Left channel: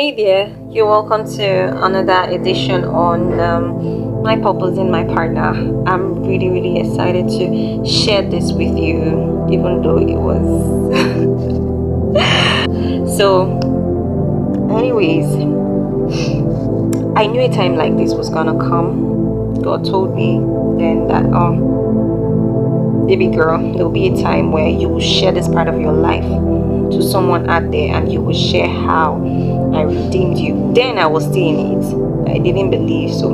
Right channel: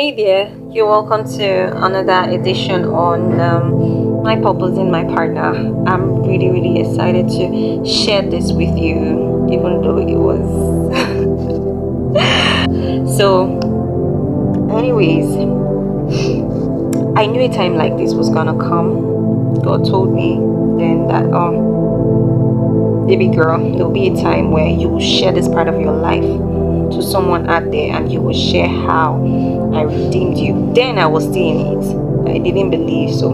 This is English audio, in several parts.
Hey there, you're welcome to another edition on my purpose in my partner. I'm really excited to share this with you, even though it was. So, anyways, I knew a time like this was gonna come. God told me then that, baby girl, there'll be a time where you will share this part of your life to someone out there and you will share how I redeemed you. Then I was still in it. I didn't believe. So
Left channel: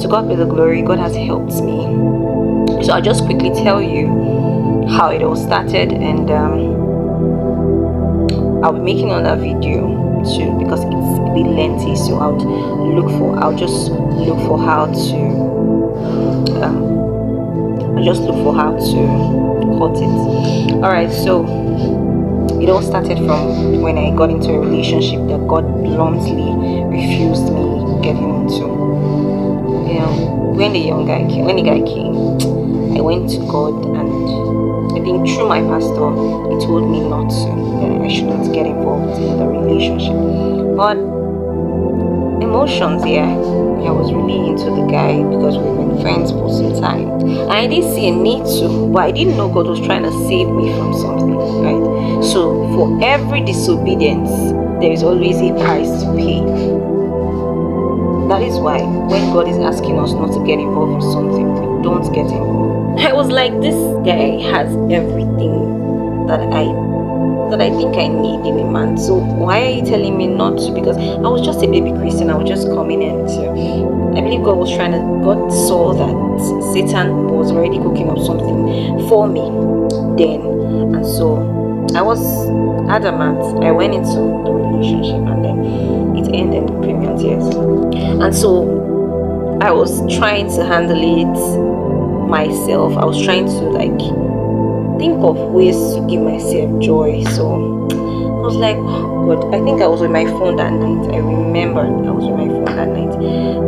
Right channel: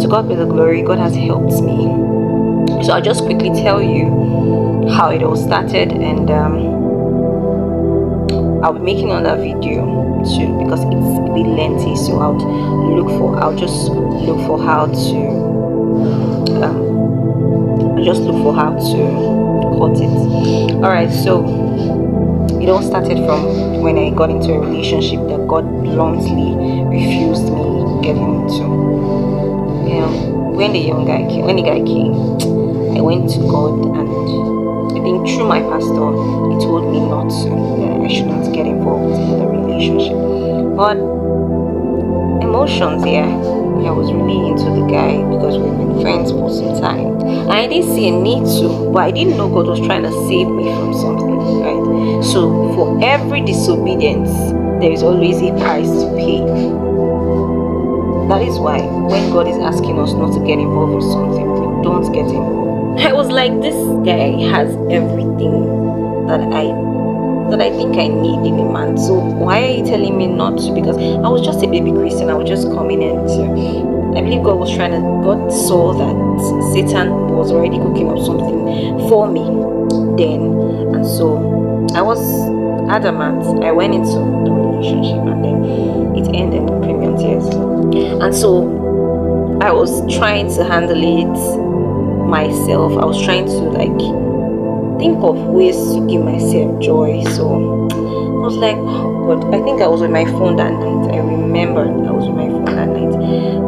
to God be the glory. God has helped me. So I'll just quickly tell you how it all started, and I'll be making another video too because it's a bit lengthy. So I'll just look for how to cut it. Alright, so it all started from when I got into a relationship that God bluntly refused me getting into. When the guy came, I went to God, and I think through my pastor, he told me not to, that I shouldn't get involved in the relationship. But emotions, I was really into the guy because we've been friends for some time. And I didn't see a need to, but I didn't know God was trying to save me from something, right? So for every disobedience, there is always a price to pay. That is why when God is asking us not to get involved with something, we don't get involved. I was like, this guy has everything that I think I need in a man. So why are you telling me not to? Because I was just a baby Christian. I was just coming in to. I believe God saw that Satan was already cooking up something for me then, and so I was adamant. I went into the relationship, and then it ended in premium tears. And so I was trying to handle it myself. I was trying to think of ways to give myself joy. So I was like, oh God, I think I was with my phone that night. I remembered I was with my phone that night.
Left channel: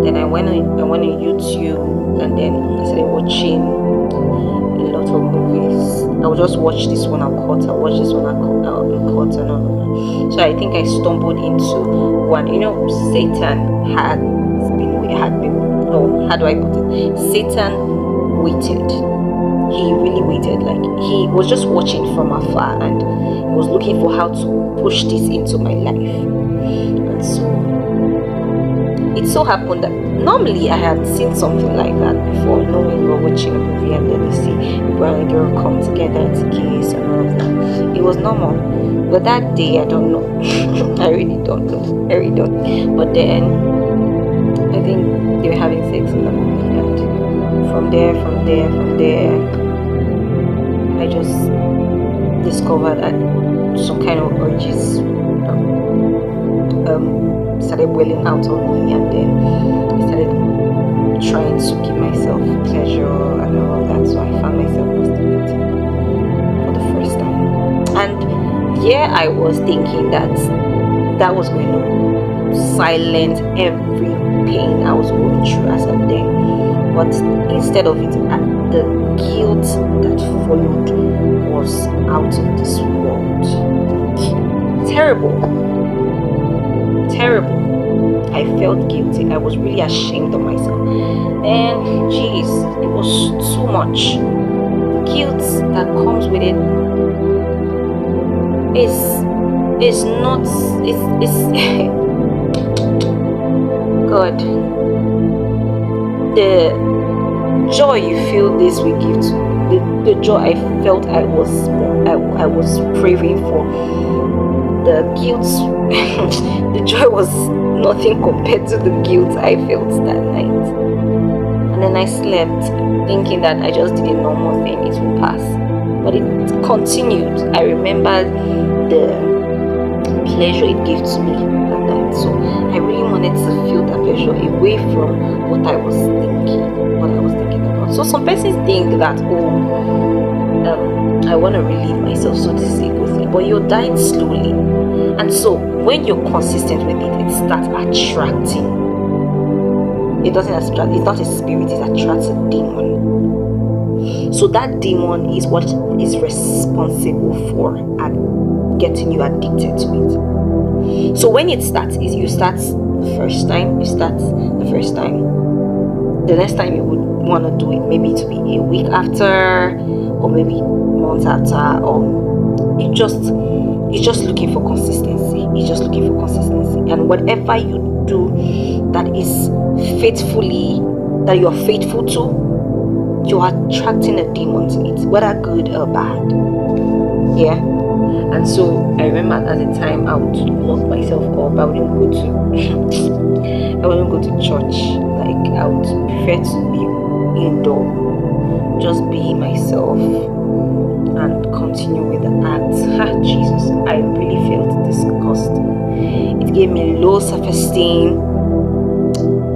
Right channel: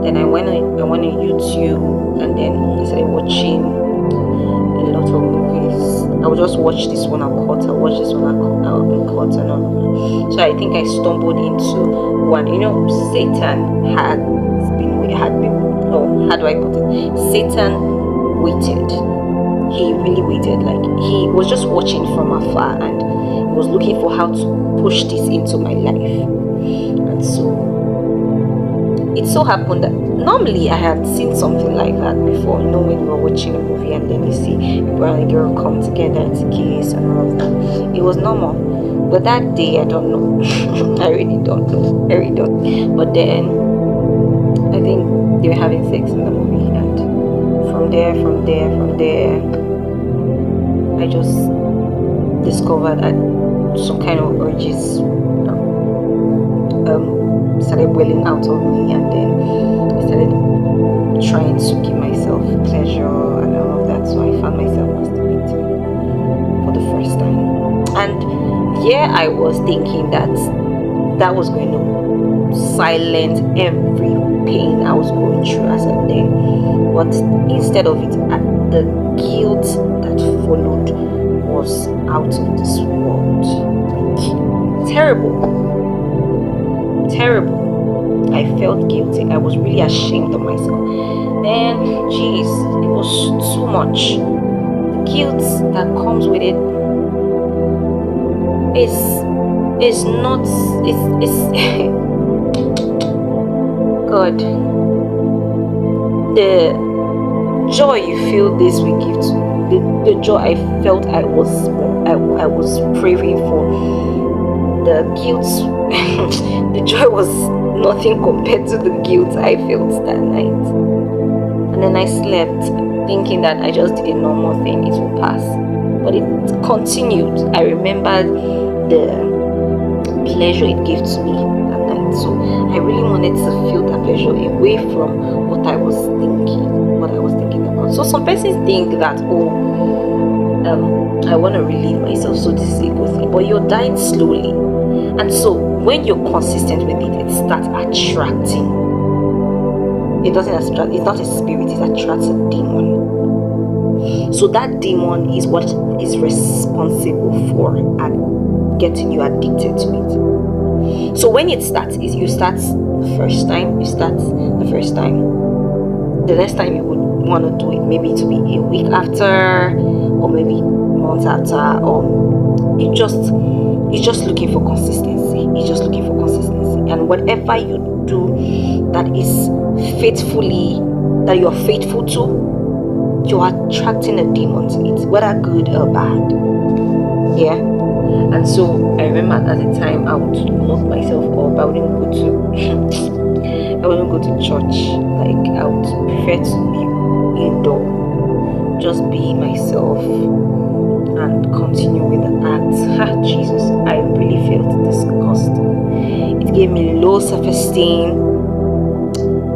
Then I went on YouTube, and then I started watching a lot of movies. I would just watch this one and cut, and watch this one and cut, and all of that. So I think I stumbled into one. Satan had been, how do I put it? Satan waited. He really waited. He was just watching from afar, and he was looking for how to push this into my life. And so it so happened that normally I had seen something like that before. When you were watching a movie and then you see a boy and a girl come together to kiss and all of that, it was normal. But that day, I don't know. I really don't know. I really don't. But then I think they were having sex in the movie, and from there, I just discovered that some kind of urges started welling out of me, and then I started trying to give myself pleasure and all of that. So I found myself masturbating for the first time, and I was thinking that was going to silence every pain I was going through as of then. But instead of it, the guilt that followed was out of this world. Terrible. I felt guilty. I was really ashamed of myself. And it was too much. The guilt that comes with it is not. It's God. The joy you feel this will give to the joy I felt I was craving for. The guilt, the joy was nothing compared to the guilt I felt that night. And then I slept thinking that I just did a normal thing, it will pass. But it continued. I remembered the pleasure it gave to me that night. So I really wanted to feel that pleasure away from what I was thinking about. So some persons think that, I want to relieve myself, so this is a good thing. But you're dying slowly. And so when you're consistent with it, it starts attracting. It doesn't attract, it's not a spirit, it attracts a demon. So that demon is what is responsible for getting you addicted to it. So when it starts, is you start the first time, the next time you would want to do it, maybe to be a week after, or maybe months after, or it's just looking for consistency. And whatever you do that is faithfully, that you're faithful to, you're attracting a demon to it, whether good or bad. Yeah. And so I remember at the time I would lock myself up. I wouldn't go to church. Like, I would prefer to be indoor, just be myself and continue with the act. Jesus, I really felt disgust. It gave me low self-esteem.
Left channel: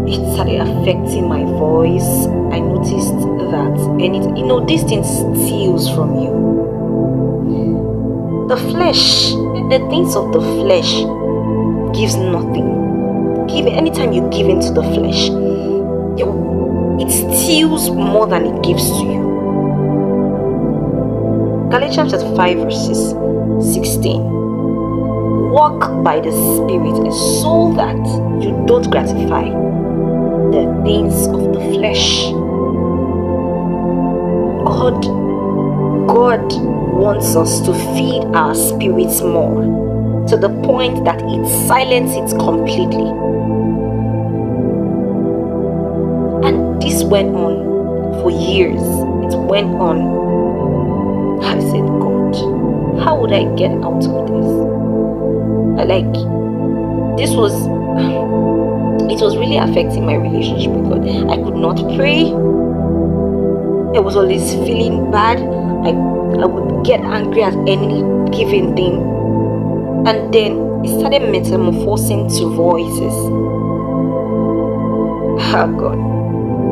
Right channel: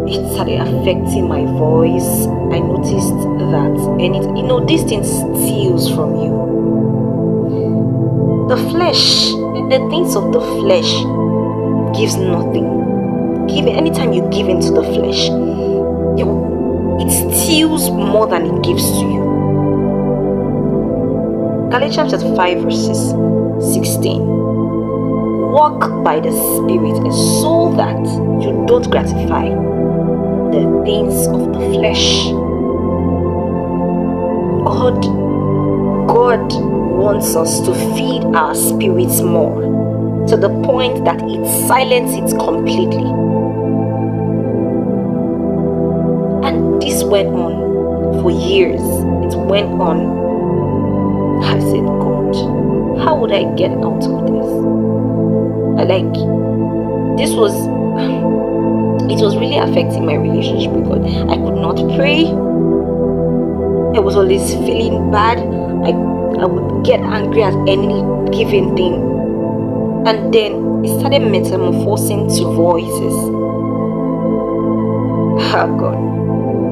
It started affecting my voice. I noticed that, and this thing steals from you. The flesh, the things of the flesh gives nothing. Anytime you give into the flesh, it steals more than it gives to you. Galatians 5 verses 16. Walk by the Spirit, so that you don't gratify the things of the flesh. God wants us to feed our spirits more, to the point that it silences it completely. And this went on for years. It went on. I said, God, how would I get out of this? It was really affecting my relationship with God. I could not pray. I was always feeling bad. I would get angry at any given thing. And then it started metamorphosing to voices. Oh God.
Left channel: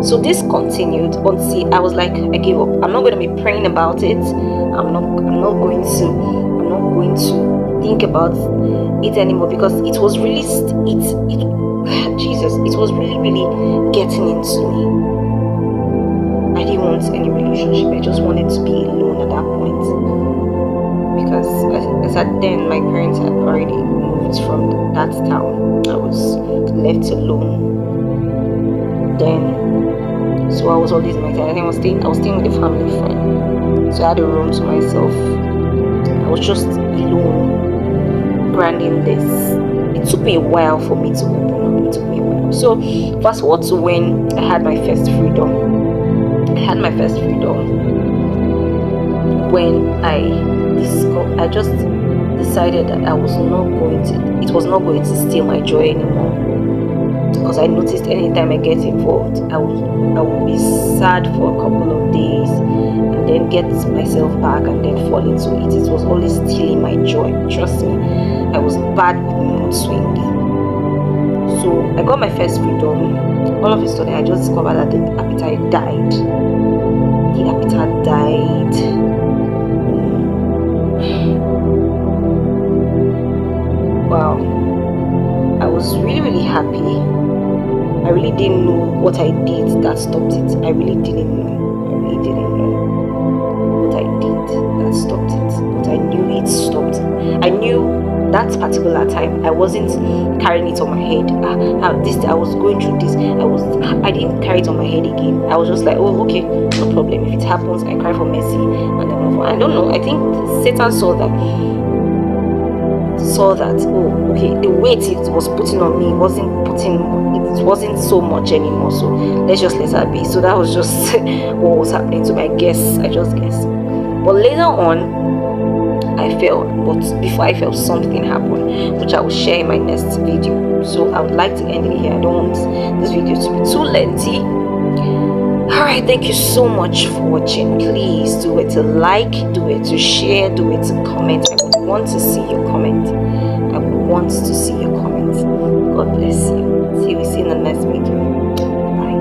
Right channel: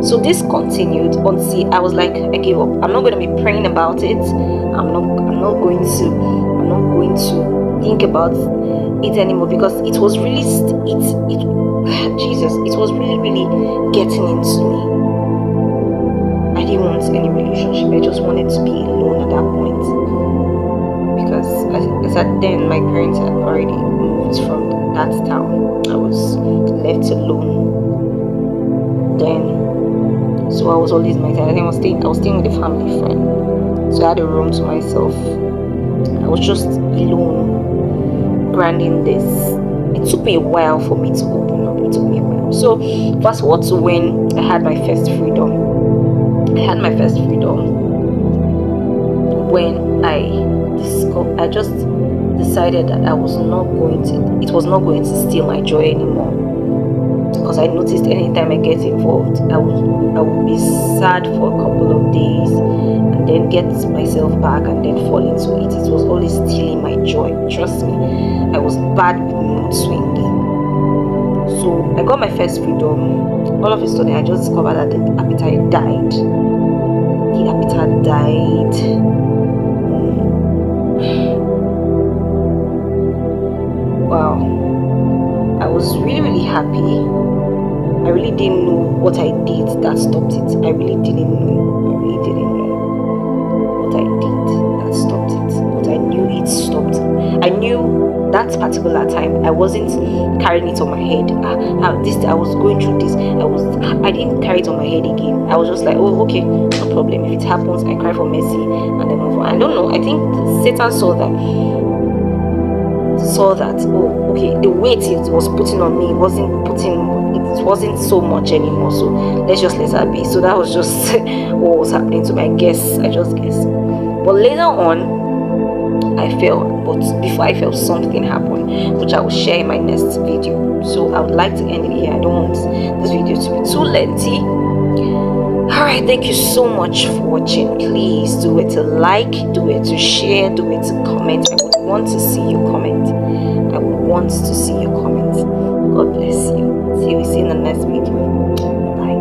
So this continued until I was like, I gave up. I'm not going to be praying about it. I'm not going to think about it anymore, because it was really it was really getting into me. I didn't want any relationship. I just wanted to be alone at that point, because as at then my parents had already moved from that town. I was left alone then. So I was always my time. I was staying with a family friend. So I had a room to myself. I was just alone, branding this. It took me a while for me to open up. So fast forward to when I had my first freedom. When I just decided that it was not going to steal my joy anymore. Because I noticed anytime I get involved, I would be sad for a couple of days and then get myself back and then fall into it. It was always stealing my joy. Trust me, I was bad with mood swing. So I got my first freedom. All of a sudden, I just discovered that the appetite died. Wow. I was really happy. I really didn't know what I did that stopped it. I really didn't know what I did that stopped it. But I knew it stopped. I knew that particular time I wasn't carrying it on my head. I was going through this. I didn't carry it on my head again. I was just like, oh, okay, no problem. If it happens, I cry for mercy and then move on. I don't know. I think Satan saw that, oh, okay, the weight it was putting on me wasn't so much anymore, so let's just let her be. So that was just what was happening to me. I just guessed. But later on I fell, but before I fell, something happened, which I will share in my next video. So I would like to end it here. I don't want this video to be too lengthy. Alright, thank you so much for watching. Please do it to like, do it to share, do it to comment. I would want to see your comment. God bless you. See you in the next video. Bye.